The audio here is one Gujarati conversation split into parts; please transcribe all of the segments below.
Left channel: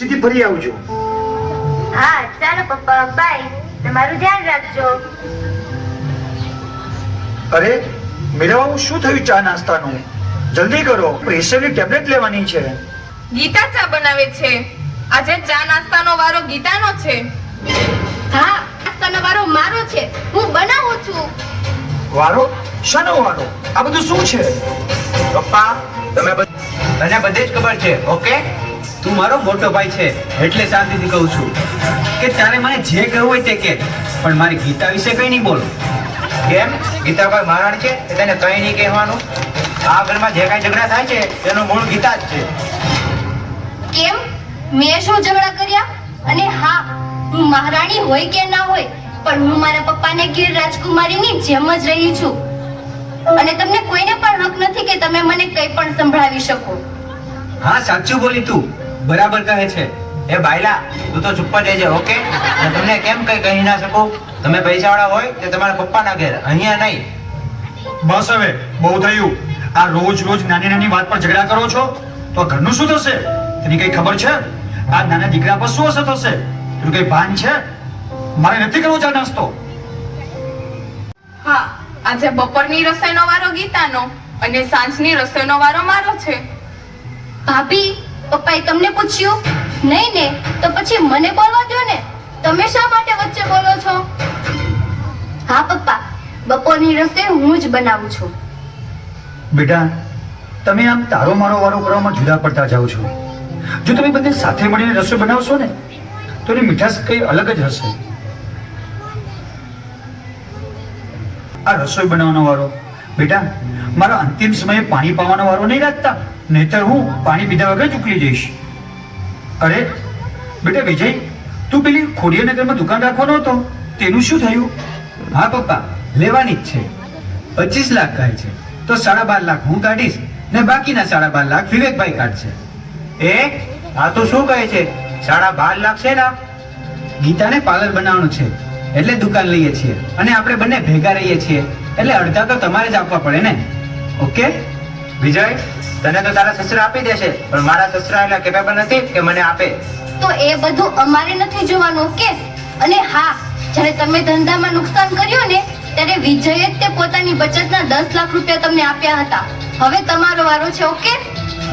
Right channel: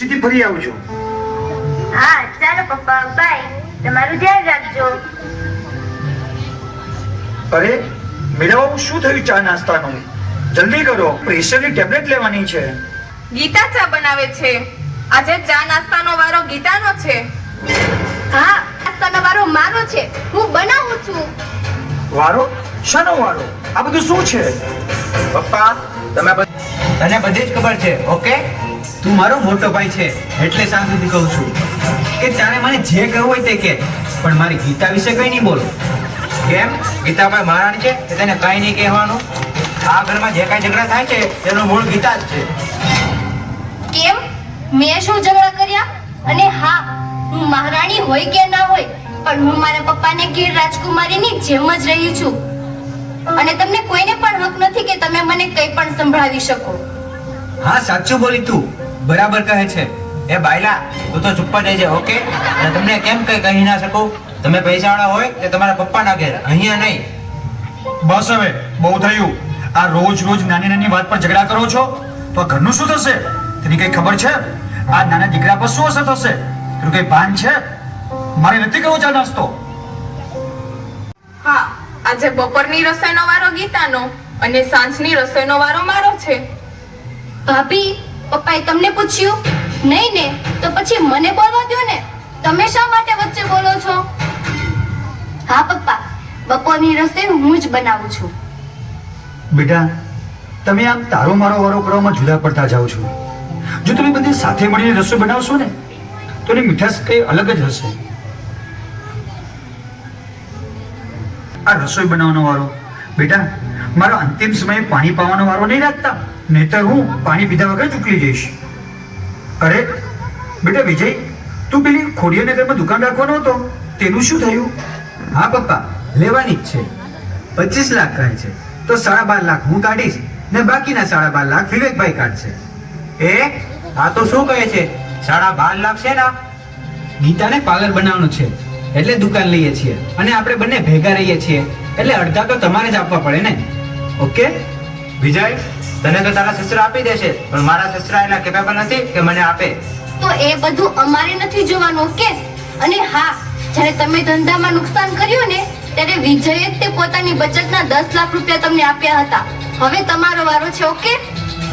સીધી ફરી આવજો. હા ચાલો પપ્પા બાય. તમારું ધ્યાન રાખજો. અરે મેળાવું શું થયું ચા નાસ્તાનું? જલ્દી કરો પ્રેશરની ટેબ્લેટ લેવાની છે. ગીતા ચા બનાવે છે. આજે ચા નાસ્તાનો વારો ગીતાનો છે. હા નાસ્તાનો વારો મારો છે. હું બનાવું છું. વારો? શાનો વારો? આ બધું શું છે? પપ્પા તમે મને બધી જ ખબર છે ઓકે? તું મારો મોટો ભાઈ છે એટલે શાંતિથી કહું છું કે તારે મને જે કહેવું હોય તે કે પણ મારી ગીતા વિશે કંઈ નહીં બોલો. કેમ? ગીતાભાઈ મહારાણ છે તેને કંઈ નહીં કહેવાનું. આ ઘરમાં જે કંઈ ઝઘડા થાય છે તેનું મૂળ ગીતા જ છે. કેમ? મેં શું ઝઘડા કર્યા? અને હા હું મહારાણી હોય કે ના હોય પણ હું મારા પપ્પાને ગીર રાજકુમારીની જેમ જ રહી છું. અને તમને કોઈને પણ હક નથી કે તમે મને કંઈ પણ સંભળાવી શકો. હા સાચું બોલી તું. બરાબર કહે છે. એ બાયલા તું તો ચૂપ દેજે રહેજે ઓકે? અને તમને કેમ કઈ કહી ના શકું? તમે પૈસાવાળા હોય તે તમારા પપ્પાના ઘેર? અહીંયા નહીં. બસ હવે બહુ થયું. આ રોજ રોજ નાની નાની વાત પર ઝઘડા કરો છો? તો ઘરનું શું થશે? તેની કઈ ખબર છે? આ નાના દીકરા પર શું અસર થશે? તેનું કઈ ભાન છે? મારે નથી કરવો ચા નાસ્તો. હા આજે બપોરની રસોઈનો વારો ગીતાનો અને સાંજની રસોઈનો વારો મારો છે. ભાભી પપ્પાએ તમને પૂછ્યું? નહીં ને તો પછી મને બોલવા દો ને. તમે શા માટે વચ્ચે બોલો છો? હા, પપ્પા. બપોરની રસોઈ હું જ બનાવું છું. બેટા, તમે આમ તારો મારો વારો કરવામાં જુદા પડતા જાઓ છો. જો તમે બધે સાથે મળીને રસોઈ બનાવશો ને, તો એની મીઠાશ કઈ અલગ જ હશે. આ રસોઈ બનાવવાનો વારો, બેટા, મારો અંતિમ સમયે પાણી પાવાનો વારો નહીં રાખતા. નહીતર હું પાણી પીધા વગર જ ઉકલી જઈશ. અરે બેટા વિજય તું પેલી ખોડિયાનગરમાં દુકાન રાખવાનો હતો. તેનું શું થયું? હા પપ્પા લેવાની જ છે. પચીસ લાખ કહે છે. તો સાડા બાર લાખ હું કાઢીશ ને બાકીના સાડા બાર લાખ વિવેકભાઈ કાઢશે. એ આ તો શું કહે છે? સાડા બાર લાખ છે ને ગીતાને પાર્લર બનાવવાનું છે. એટલે દુકાન લઈએ છીએ. અને આપણે બંને ભેગા રહીએ છીએ. એટલે અડધા તો તમારે જ આપવા પડે ને? ઓકે? વિજય તને તો તારા સસરા આપી દેશે પણ મારા સસરા એટલા કેપેબલ નથી કે મને આપે. તો એ બધું અમારે નથી જોવાનું ઓકે? અને હા જ્યારે તમે ધંધામાં નુકસાન કર્યું ને ત્યારે વિજયે તે પોતાની બચતના દસ લાખ રૂપિયા તમને આપ્યા હતા. હવે તમારો વારો છે ઓકે?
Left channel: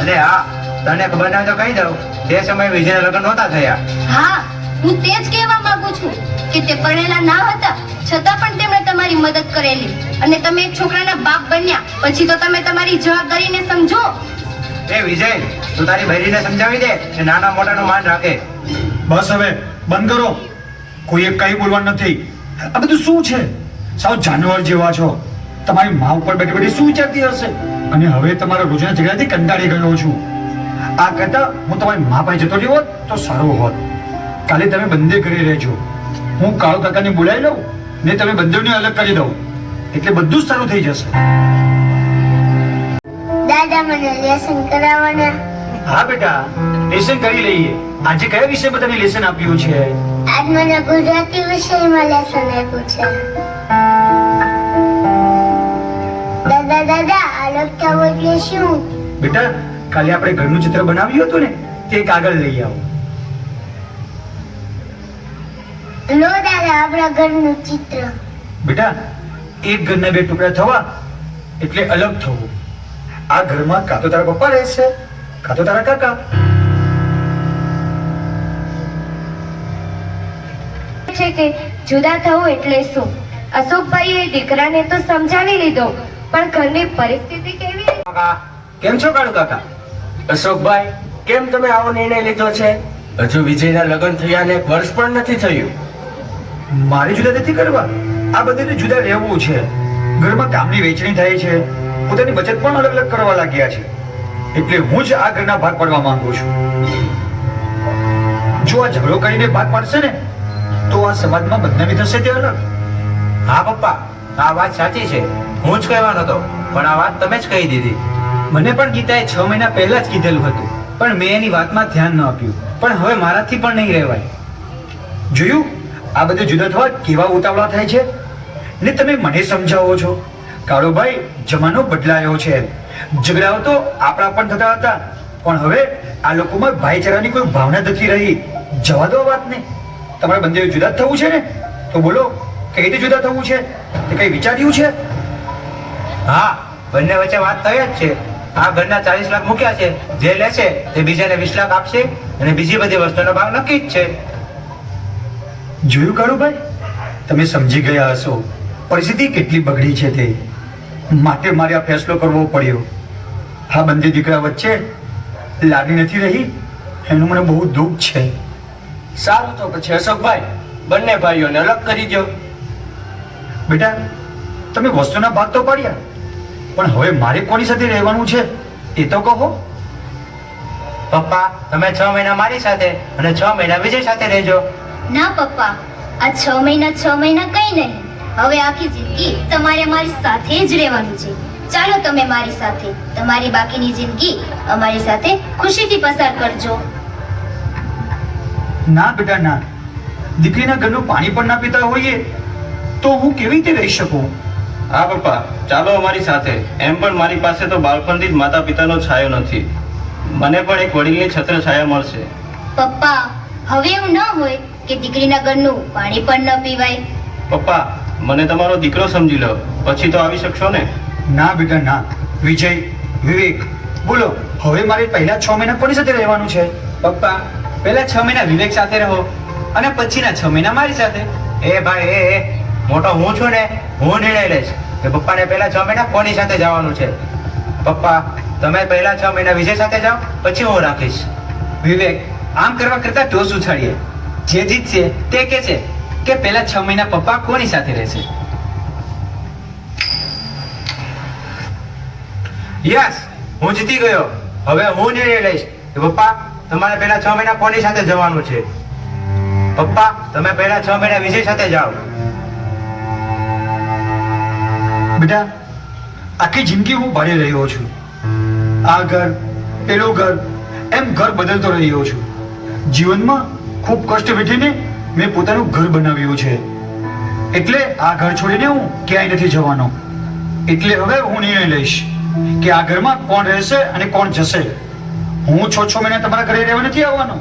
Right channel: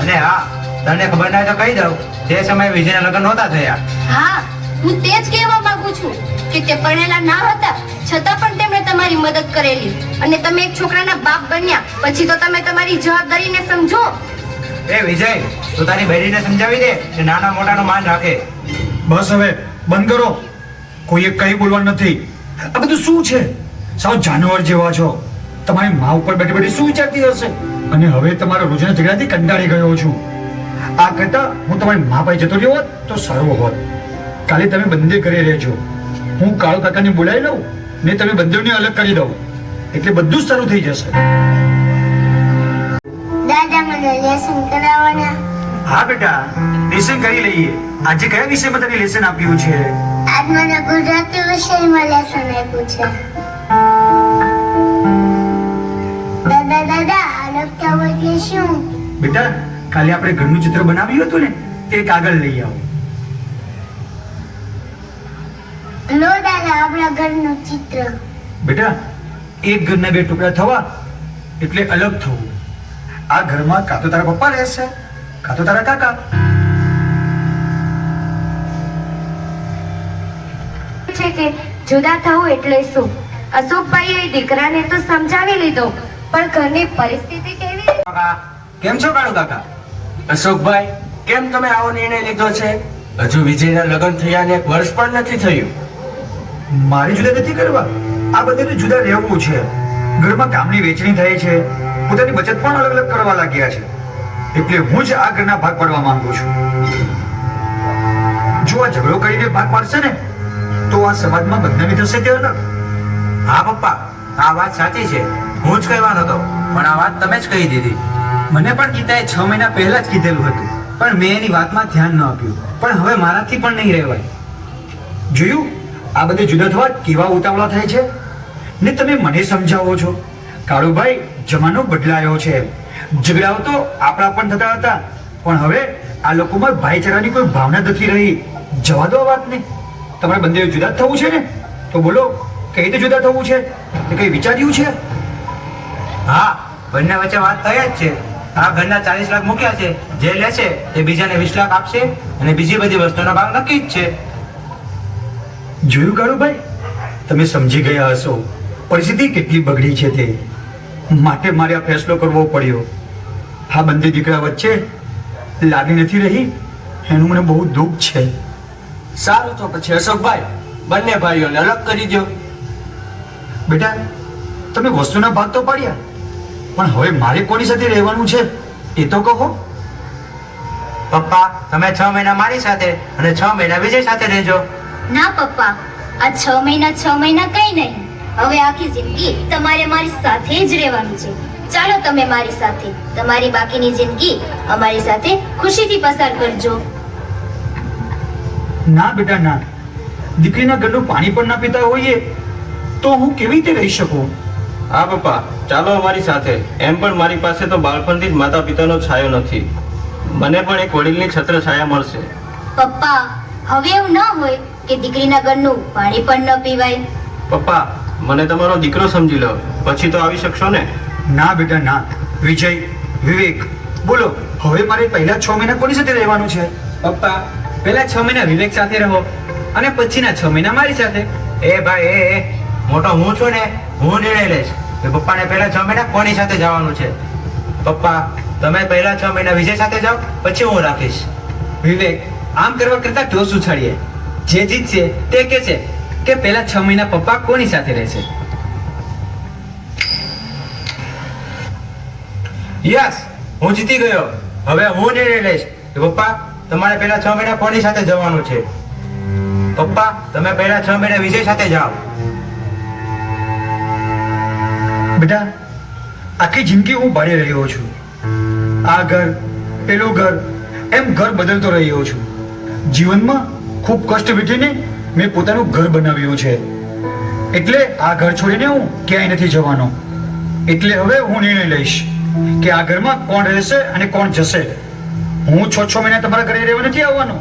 અરે હા તને ખબર ના તો કહી દઉં. તે સમયે વિજયના લગ્ન નહોતા થયા. હા હું તે જ કહેવા માંગુ છું. કે તે ભણેલા ના હતા છતાં પણ તેમણે તમારી મદદ કરેલી. અને તમે એક છોકરાના બાપ બન્યા. પછી તો તમે તમારી જવાબદારીને સમજો. એ વિજય તું તારી ભૈરીને સમજાવી દે કે નાના મોટાનો માન રાખે. બસ હવે બંધ કરો. કોઈએ કઈ બોલવાનું નથી. આ બધું શું છે? સાવ જાનવર જેવા છો. તમારી મા ઉપર બેઠી બેઠી શું વિચારતી હશે? અને હવે તમારા રોજના ઝઘડાથી કંટાળી ગયો છું. આ કરતા હું તમારી મા પાસે જતો રહ્યો હોત તો સારું હોત. કાલે તમે બંદે ઘરે રહેજો. હું કાળુ કાકાને બોલાવી લઉં ને તમે બંનેને અલગ કરી દઉં. એટલે બધું જ સારું થઈ જશે. દાદા મને લેસન કરાવવાના હા બેટા. લેસન કરી લઈએ. આજે કયા વિષયમાં તને લેસન આપ્યું છે? આજ મને ગુજરાતી વિષયમાં લેસન આપ્યું છે. દાદા દાદા અલગ થવું એટલે શું? બેટા કાલે આપણે ઘરનું ચિત્ર બનાવ્યું હતું ને તે કાગળ લઈ આવો. લો દાદા આપણા ઘરનું ચિત્ર. બેટા એક ઘરના બે ટુકડા થવા એટલે અલગ થવું. આ ઘરમાં કાં તો તારા પપ્પા રહેશે કાં તો તારા કાકા. છે કે જુદા થવું એટલે શું અશોકભાઈએ દીકરાને તો સમજાવી લીધો પણ ઘરની પરિસ્થિતિ કેવી? કાકા કેમ છો કાળુ કાકા? અશોકભાઈ કેમ તમે આવો નિર્ણય લીધો છે? હજુ વિજયના લગ્ન થયા ને વર્ષ પણ નથી થયું. મારે જુદા નથી કરવા? આ બધું જુદા રહેવું છે. ઘરમાં કામની વેચણી થાય છે. પોતાની બચત પણ અલગ અલગ કરવા લાગ્યા છે. એટલે હું જ આ ઘરના ભાગ પાડવા માંગુ છું. જો આ ઝઘડો કરીને ભાગ પાડશે ને, તો આ સમાજમાં બદનામી થશે તે અલગ. હા, પપ્પા, આ વાત સાચી છે. હું જ કહેવાનો હતો, પણ આ વાત તમે જ કહી દીધી. મને પણ ગીતાએ છ મહિના પહેલા જ કીધેલું હતું. પણ મેં એની વાતમાં ધ્યાન ન આપ્યું. પણ હવે મારાથી પણ નહીં રહેવાય. જોયું? આ બધે જુદા થવા કેવા ઉતાવળા થાય છે? ને તમે મને સમજાવો છો? કાળુભાઈ જમાનો બદલાયો છે. ઝઘડાઓ તો આપણા પણ થતા હતા. પણ હવે આ લોકોમાં ભાઈચારાની કોઈ ભાવના નથી રહી. જવા દો વાતને. તમારા બંને જુદા થવું છે ને? તો બોલો, કઈ રીતે જુદા થવું છે? કઈ વિચાર્યું છે? હા, બંને વચ્ચે વાત થઈ જ છે. આ ઘરના ચાલીસ લાખ મૂક્યા છે. જે લેશે તે બીજાને વીસ લાખ આપશે. અને બીજી બધી વસ્તુનો ભાવ નક્કી જ છે. જોયું કાળુભાઈ તમે સમજી ગયા હશો. પરિસ્થિતિ કેટલી બગડી છે તે. માટે મારે આ ફેસલો કરવો પડ્યો. આ બંને દીકરા વચ્ચે લાગણી નથી રહી? એનું મને બહુ દુઃખ છે. સારું તો પછી અશોકભાઈ, બંને ભાઈઓને અલગ કરી દો બેટા, તમે વસ્તુના ભાગ તો પાડ્યા. પણ હવે મારે કોની સાથે રહેવાનું છે? એ તો કહો. પપ્પા, તમે છ મહિના મારી સાથે અને છ મહિના વિજય સાથે રહેજો. ના પપ્પા. આ છ મહિના છ મહિના કઈ નહીં. હવે આખી જિંદગી તમારે મારી સાથે જ રહેવાનું છે. ચાલો તમે મારી સાથે તમારી બાકીની જિંદગી અમારી સાથે ખુશીથી પસાર કરજો. ના બેટા ના. દીકરીના ઘરનું પાણી પણ ના પીતા હોઈએ તો હું કેવી રીતે રહી શકું? હા પપ્પા. ચાલો અમારી સાથે. એમ પણ મારી પાસે તો બાળપણથી જ માતા પિતાનો છાયો નથી. મને પણ એક વડીલની છત્ર છાયા મળશે. પપ્પા હવે એવું ન હોય કે દીકરીના ઘરનું પાણી પણ ન પીવાય. પપ્પા મને તમારો દીકરો સમજી લો. પછી તો આવી શકશો ને? ના બેટા ના. વિજય વિવેક બોલો. હવે મારે પહેલા છ મહિના કોની સાથે રહેવાનું છે? પપ્પા પહેલા છ મહિના વિવેક સાથે રહો. અને પછીના છ મહિના મારી સાથે. એ ભાઈ એ મોટો હું છું ને હું નિર્ણય લઈશ કે પપ્પાને પહેલા છ મહિના કોની સાથે જવાનું છે? પપ્પા તમે પહેલા છ મહિના વિજય સાથે જાઓ પછી હું રાખીશ. વિવેક આમ કરવા કરતા ટોસ ઉછાળીએ. જે જીતશે તે કે છે કે પહેલા છ મહિના પપ્પા કોની સાથે રહેશે? યસ, હું જીતી ગયો. હવે હું નિર્ણય લઈશ કે પપ્પા, તમારે પહેલા છ મહિના કોની સાથે જવાનું છે? પપ્પા, તમે પહેલા છ મહિના વિજય સાથે જાઓ. બેટા, આખી જિંદગી હું ભાડે રહ્યો છું. આ ઘર, પેલું ઘર, એમ ઘર બદલતો રહ્યો છું. જીવનમાં ખૂબ કષ્ટ વેઠીને મેં પોતાનું ઘર બનાવ્યું છે. એટલે આ ઘર છોડીને હું ક્યાંય નથી જવાનો. એટલે હવે હું નિર્ણય લઈશ કે આ ઘરમાં કોણ રહેશે અને કોણ જશે. હું છ છ મહિના તમારા ઘરે રહેવા નથી આવવાનો.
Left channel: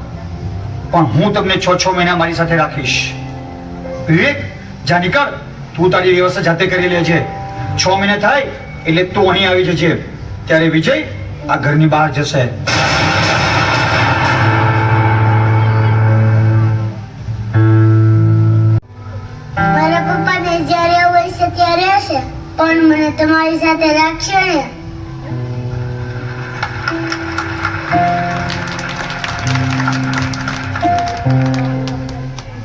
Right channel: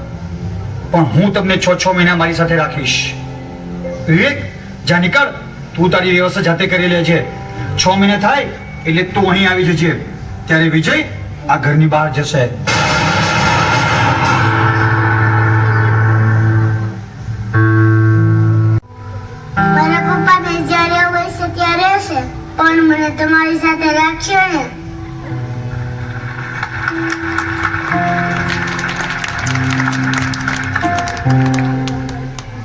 પણ હું તમને છ છ મહિના મારી સાથે રાખીશ. વિવેક, જા નીકળ. તું તારી વ્યવસ્થા જાતે કરી લેજે. છ મહિના થાય એટલે તું અહીં આવી જજે. ત્યારે વિજય આ ઘરની બહાર જશે. તમારી સાથે રાખશો ને?